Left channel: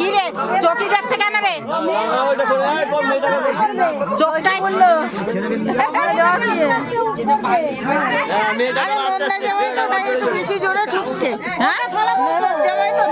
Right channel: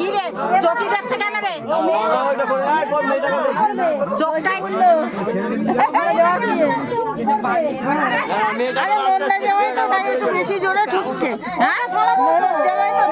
কি রে জ্যোতি যাচ্ছে কেন রে চোখটাই বেশি জোরে ঠুকছে জামাই তো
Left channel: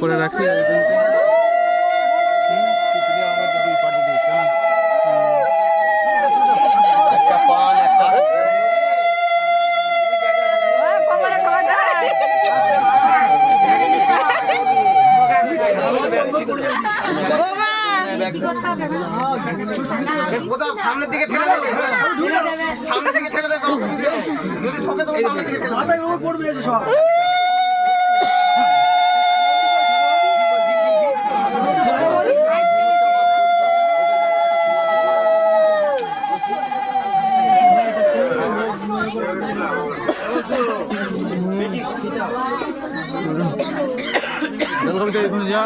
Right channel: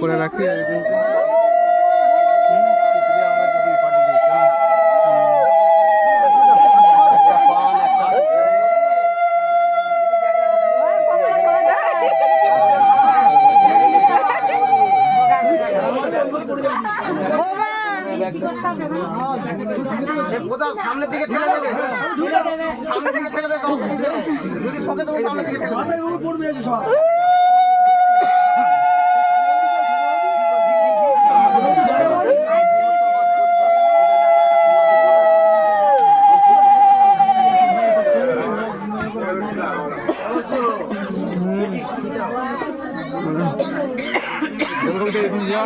করে রাখি একটা পান একটা সামনের দিকে ঠেলে দেবে সামনের দিকে ঠেলে দেবে যদি ঠকে দেবো সামনের দিকে ঠেলে দেবে যা